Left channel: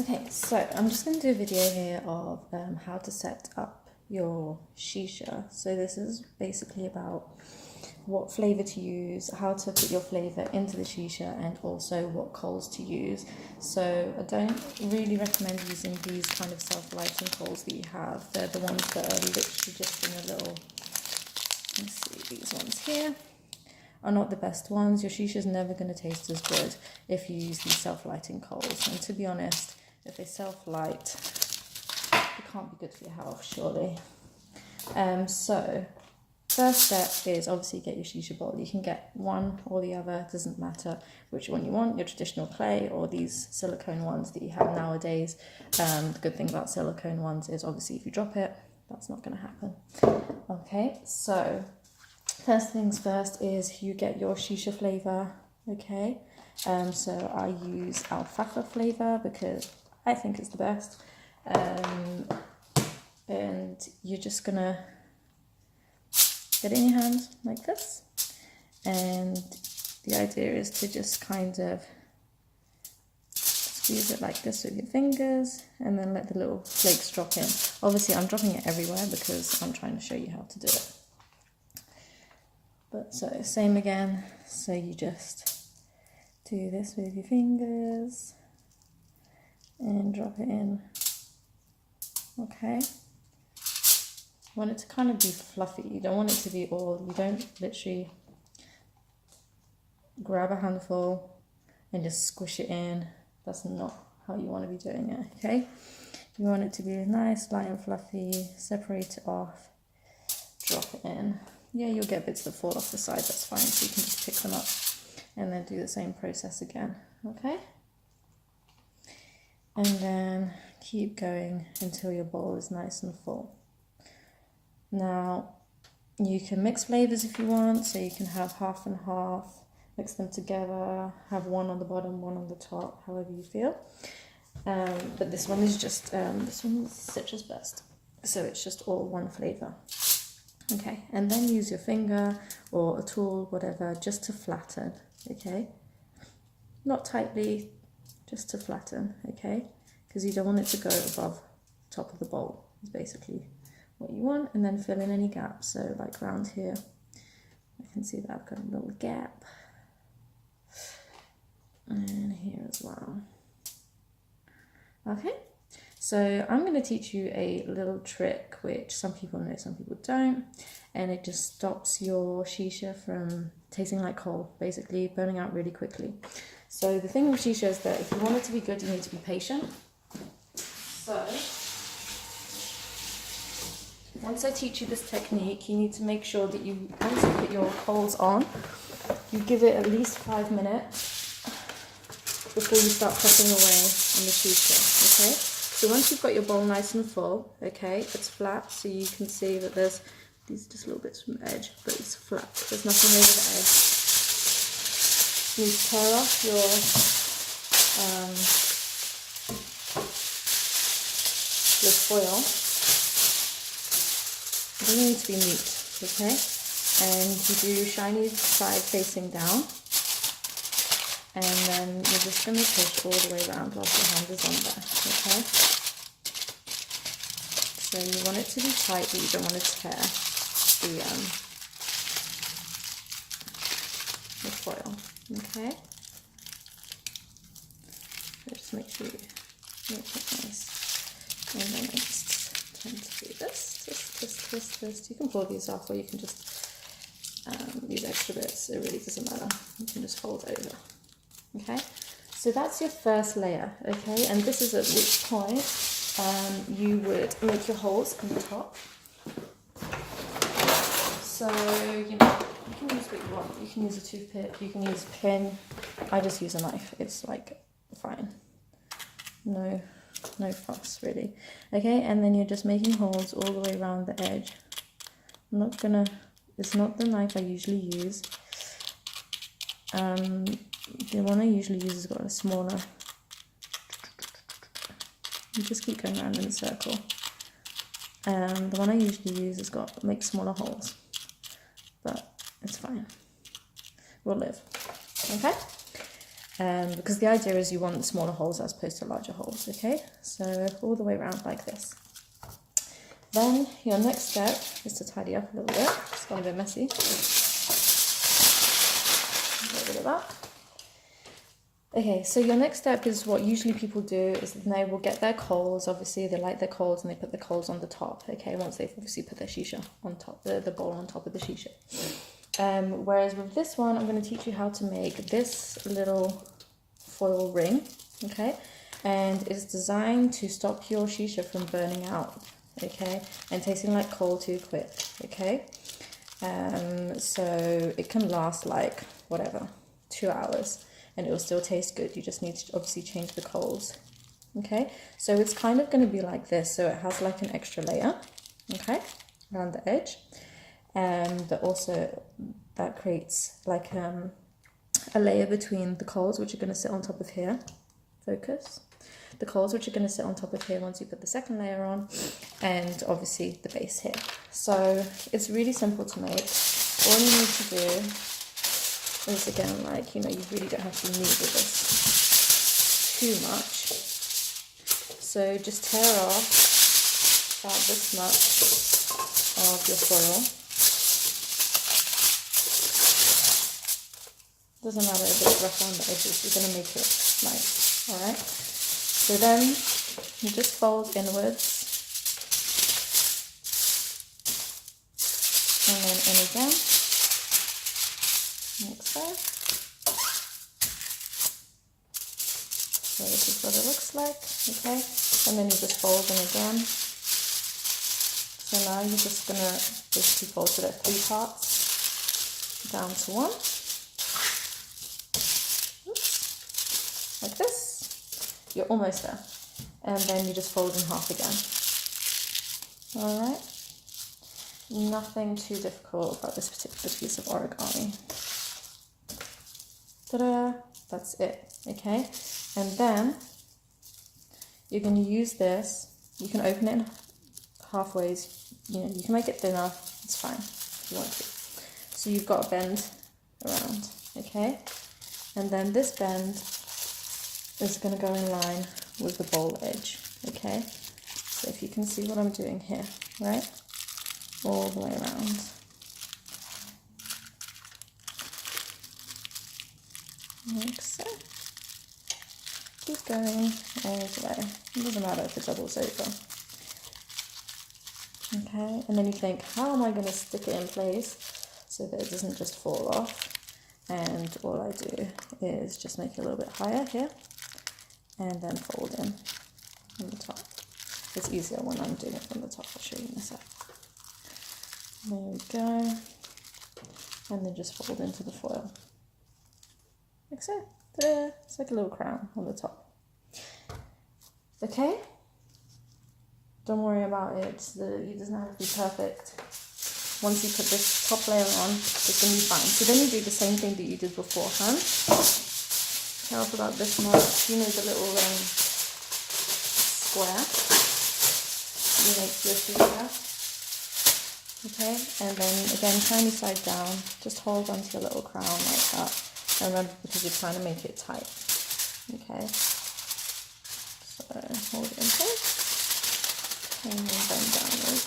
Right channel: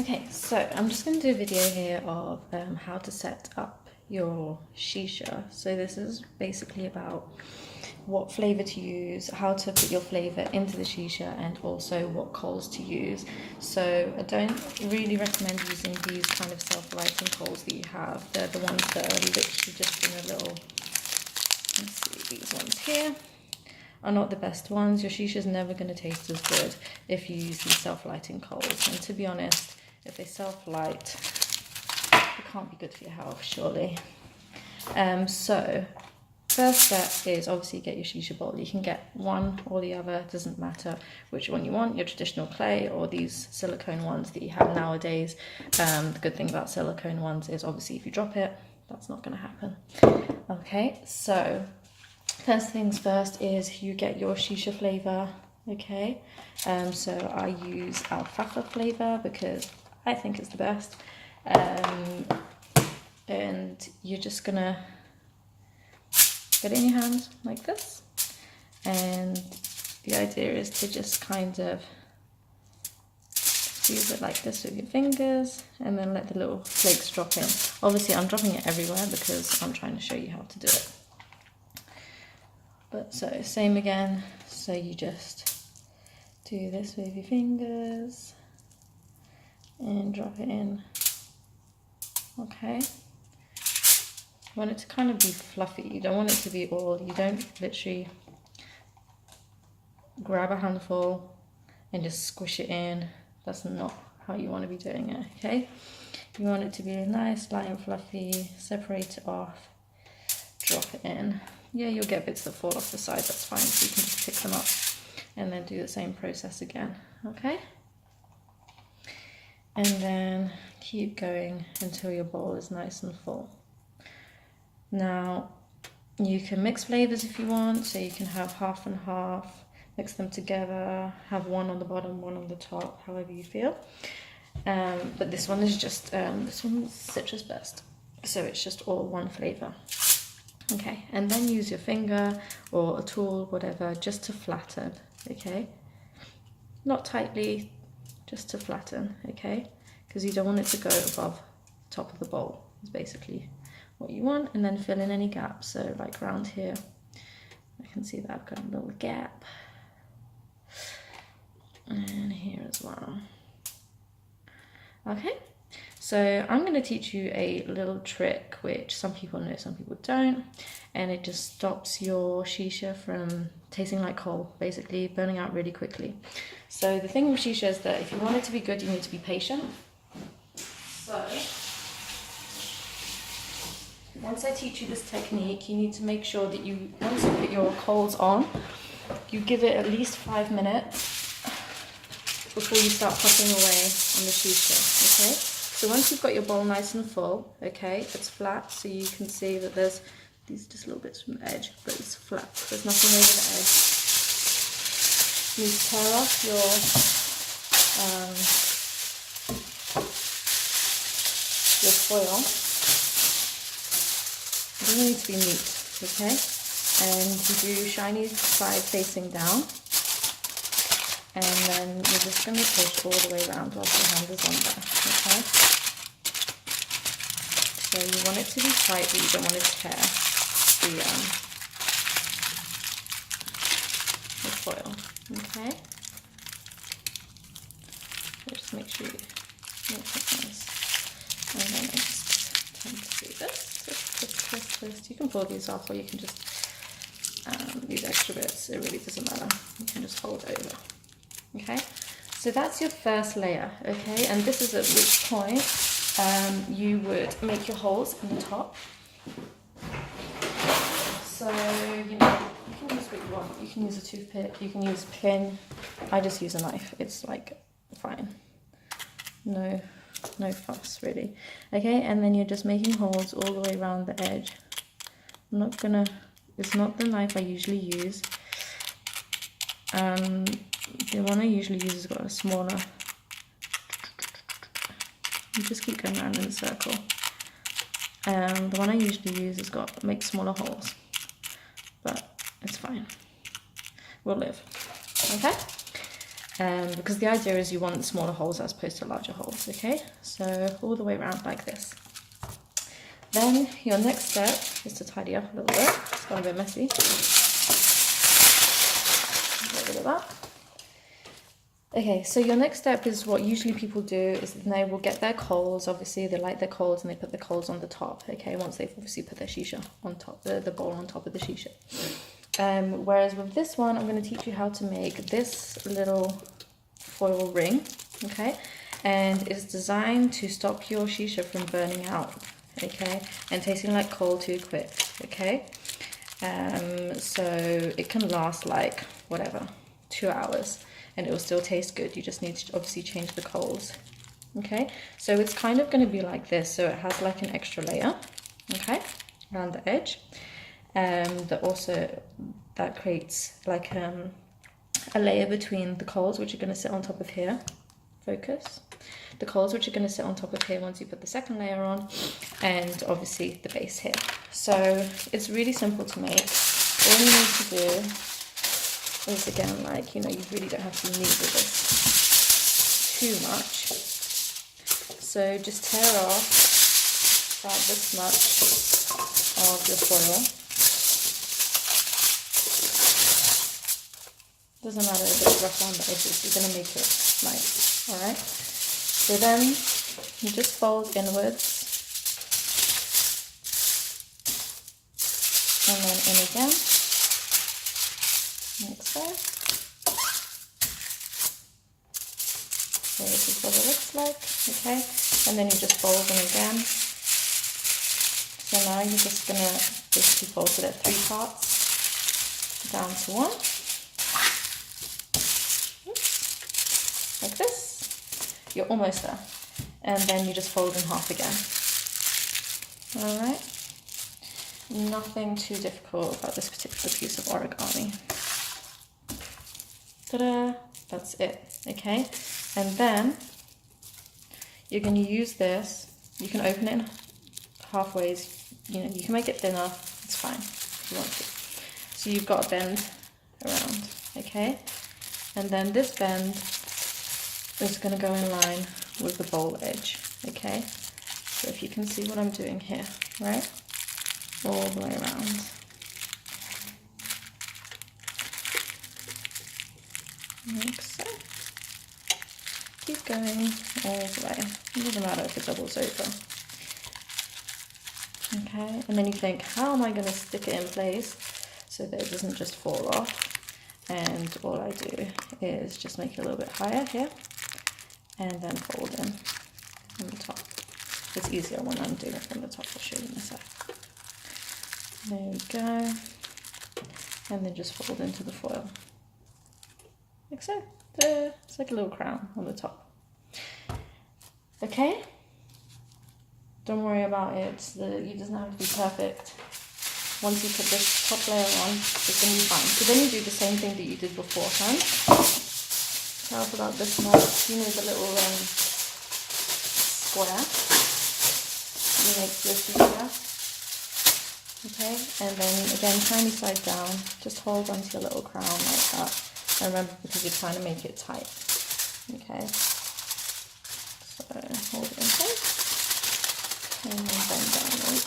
Okay, so I'm just going to do a video here of how to set up your shisha. So this is basically about what flavour to use, how to put your flavour into the shisha, and also what coals to use. So I don't really recommend using these kind of self-lighting coals that you have. They're the ones that are literally just in a little, let's see, these ones here are not the best ones. Your shisha is never going to taste as good if you use these self-lighting coals. And to be honest, if they self-light, it can't be good for your health, surely. So first step is obviously get your shisha bowl. You can get one or the other, it doesn't matter which one you want, your traditional clay or these silicone ones that you have nowadays. The good thing about silicone ones is obviously if you drop it, that's not going to happen. Okay, so first things first is you get your shisha flavour, okay? So I use alfalfa flavour because I think it's the best. And you're just gonna get it in your hand like this. And the idea is to just kind of squeeze it like this with your fingers and then let the little flakes drop in. Obviously I'm dropping it everywhere because I'm trying to show you how to do it. But so same again, so you just do this with your fingers and drop it in. Okay, you want it to kind of be fluffy, you don't want it to be all, you don't literally grab a handful and just squish it in. That's not how you want to be doing it, okay? You want it to be nice, light and fluffy, separate it off, drop it in. Yeah, you'll get bits that fall off the side, that's fine, so you can just pick them up and then do the same process again, okay? And then keep going until your bowl is nice and full. Now, you can mix flavours if you want, so you can have half and half, mix them together, have one on the bottom, one on the top, however you feel. But this one is just, this one's citrus burst, so it's just all one flavour. Okay, and then use your finger or a tool, whatever, just to flatten, okay? Not tightly, just to flatten, okay? Because you don't want it to go above the top of the bowl, is basically what you want. And then fill in any gaps, so like around here, I can see that I've got a little gap. And here as well. Okay, so I'm going to teach you a little trick which some people know, some people don't, and it just stops your shisha from tasting like coal, basically burning out really quickly. So the thing with shisha is that if you want it to be good, you need to be patient. So once I teach you this technique, you need to make sure that you, once you put your coals on, you give it at least 5 minutes before you start puffing away on the shisha, okay? So once you've got your bowl nice and full, okay, it's flat, so you can see that there's these just little bits from the edge, but it's flat, there's nothing over the edge. You tear off your foil. It doesn't need to be neat, okay? And you do shiny side facing down. And then you're just going to push all the way around whilst your hand is on there, okay? So you want it to be tight, but you don't want to tear the foil, okay? So just make sure you make it nice. And then I just tend to do this, twist, twist, twist. You can pull these off, or you can just, these extra bits, it really doesn't matter. You can just fold over. Okay, so that's your first layer, okay, and this is at which point you would make your holes in the top. So, you know, you can use what you want. You can use a toothpick, you can use a pin. I just use a knife, it's like fine. No fuss really. Okay, and then you're just making holes all the way around the edge. I'm not gonna, it's not the knife I usually use. The one I usually use has got a smaller. You just keep going around in a circle. The one I usually use has got makes smaller holes, but it's fine. We'll live. Okay. because the idea is you want smaller holes as opposed to larger holes, okay? So all the way around like this. Then your next step is to tidy up a little bit. It's got a bit messy. Get rid of that. Okay, so your next step is what usually people do is they will get their coals. Obviously, they light their coals and they put the coals on the top, okay, once they've obviously put their shisha on top, the bowl on top of the shisha. Whereas with this one, I'm going to teach you how to make this little foil ring, okay, and it's designed to stop your shisha from burning out, okay, and tasting like coal too quick, okay. So it can last like whatever, 2 hours. And it will still taste good. You just need to obviously change the coals. Okay, so it's kind of going to be like this. So it has like an extra layer, okay, around the edge. That creates like a layer between the coals, which are going to sit on top of here. Focus. The coals, which are going to sit on top of here once you put the second layer on, and obviously the base here. So it's really simple to make. All you need to do is, again, like, you know, you really don't have to knead with this too much. So just tear off about this much of your foil. Doesn't matter if it's rough around the edges, you're going to make it nice, alright? So then you just fold inwards and then in again. Like so. So this is what it looks like, okay? And then you just fold them again. So now you're just gonna basically fold it at 3 parts down to 1. Oops. Like this. You're almost there. And then you just fold in half again. Alright? Nothing too difficult about this particular piece of origami. Ta-da! That's it, okay? And then you're going to use this. You can open it in halfway. You know, you can make it thinner. It's fine if you want to. So you've got a bend around, okay? And then this bend is going to go in line with the bowl edge, okay? So if you can see what I'm doing here, right? All the way around. Like so. Keep going all the way. It doesn't matter if it doubles over. Okay, and then you think, how am I going to stick it in place so that it doesn't just fall off? And all I do is just make it a little bit higher here and then fold in on the top. It's easier when I'm doing it from the top. I'll show you in a sec. There you go. And then just fold into the foil. Like so. There. It's like a little crown on the top. Okay? Don't worry about it. It doesn't have to be perfect. Once you put this top layer on, it's going to be fine. So then you do the same thing that you did beforehand. Tell us about this much. You know, the little square. You make this here. Okay? And then again, tiny side down. Just hold onto the little crown like that. And then because you're trying to make it tight. Okay? So hold it in place. And then bend downwards.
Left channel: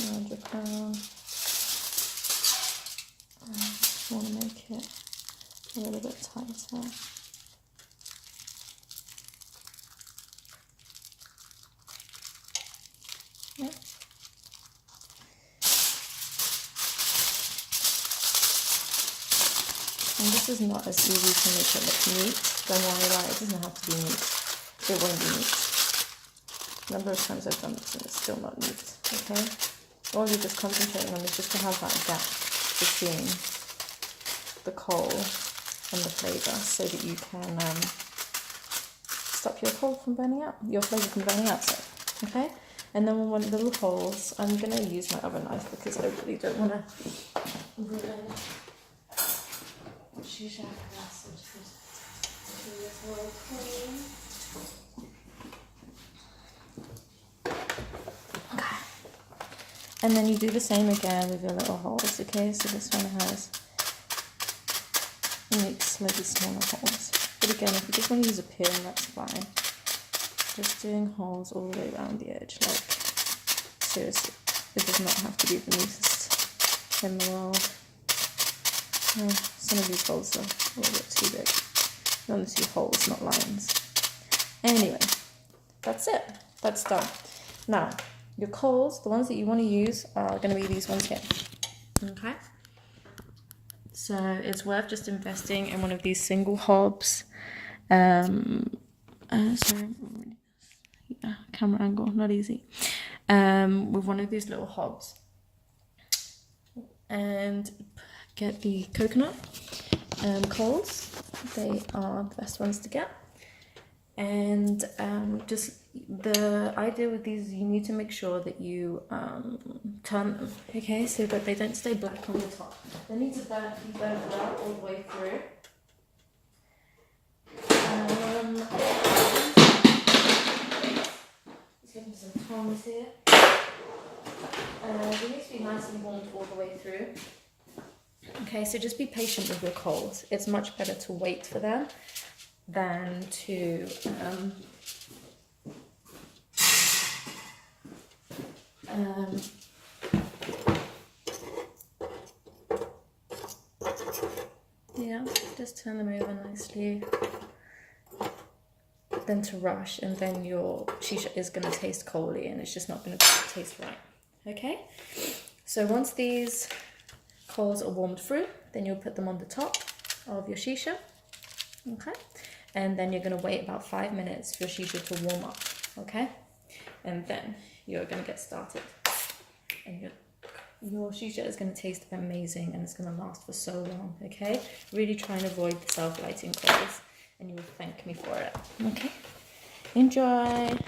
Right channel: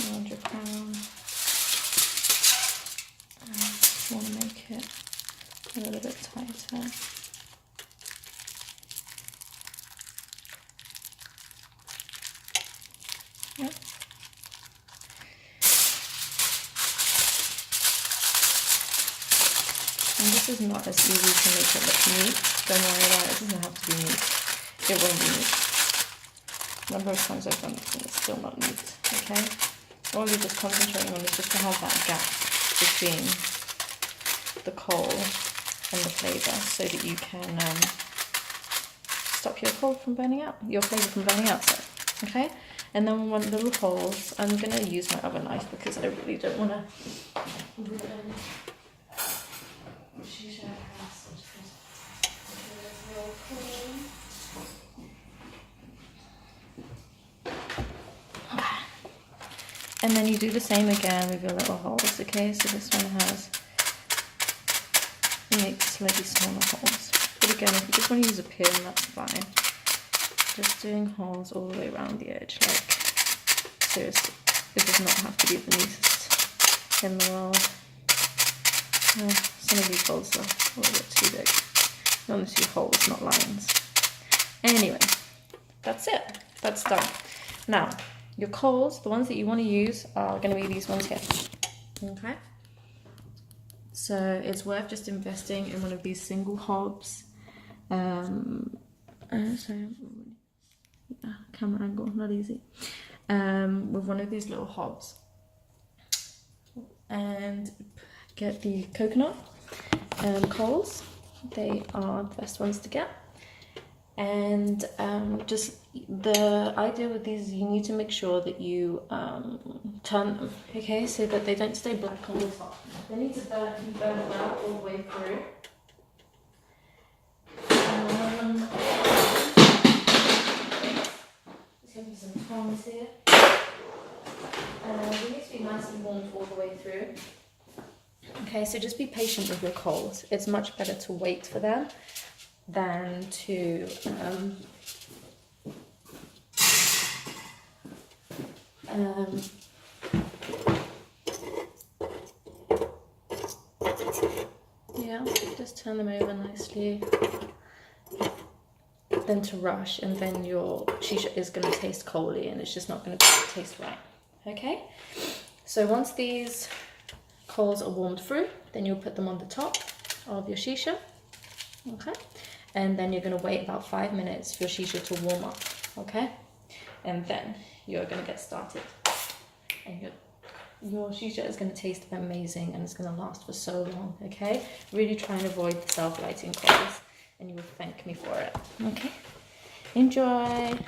Around your crown. And just want to make it a little bit tighter. Yep. And this is not as easy to make it look neat. Don't worry about it, it doesn't have to be neat. It won't be neat. A number of times I've done this and it's still not neat, okay? All you're just concentrating on is just to have that gap between the coal and the flavour so that you can stop your coal from burning out, your flavour from burning out, so, okay? And then we want little holes. I'm going to use my other knife because I really don't want to ruin Shisha. Okay. And then you do the same again with your little holes, okay? So this one has, you make slightly smaller holes. But again, if you just want to use a pin, that's fine. Just doing holes all the way around the edge, like seriously, it does not have to be the neatest in the world. Some of these holes are a little bit too big. You want to see holes, not lines. Anyway, that's it. That's done. Now, your coals, the ones that you want to use, are going to be these ones here. Okay? So it's worth just investing in one of these single hobs. Sorry, yeah, camera angle, not easy. With one of these little hobs. And get the coconut coals. They are the best ones to get. And just the idea with these, you need to make sure that you turn them, okay, so that they don't stay black on the top. They need to be burned well all the way through. Just going to some tongs here. They need to be nice and warm all the way through. Okay, so just be patient with your coals. It's much better to wait for them than to yeah, just turn them over nicely, then to rush, and then your shisha is going to taste coaly and it's just not going to taste right. Okay, so once these coals are warmed through, then you'll put them on the top of your shisha. Okay, and then you're going to wait about 5 minutes for your shisha to warm up. Okay, and then you're going to get started, and your shisha is going to taste amazing and it's going to last for so long. Okay, really try and avoid the self-lighting coals and you will thank me for it. Okay, enjoy.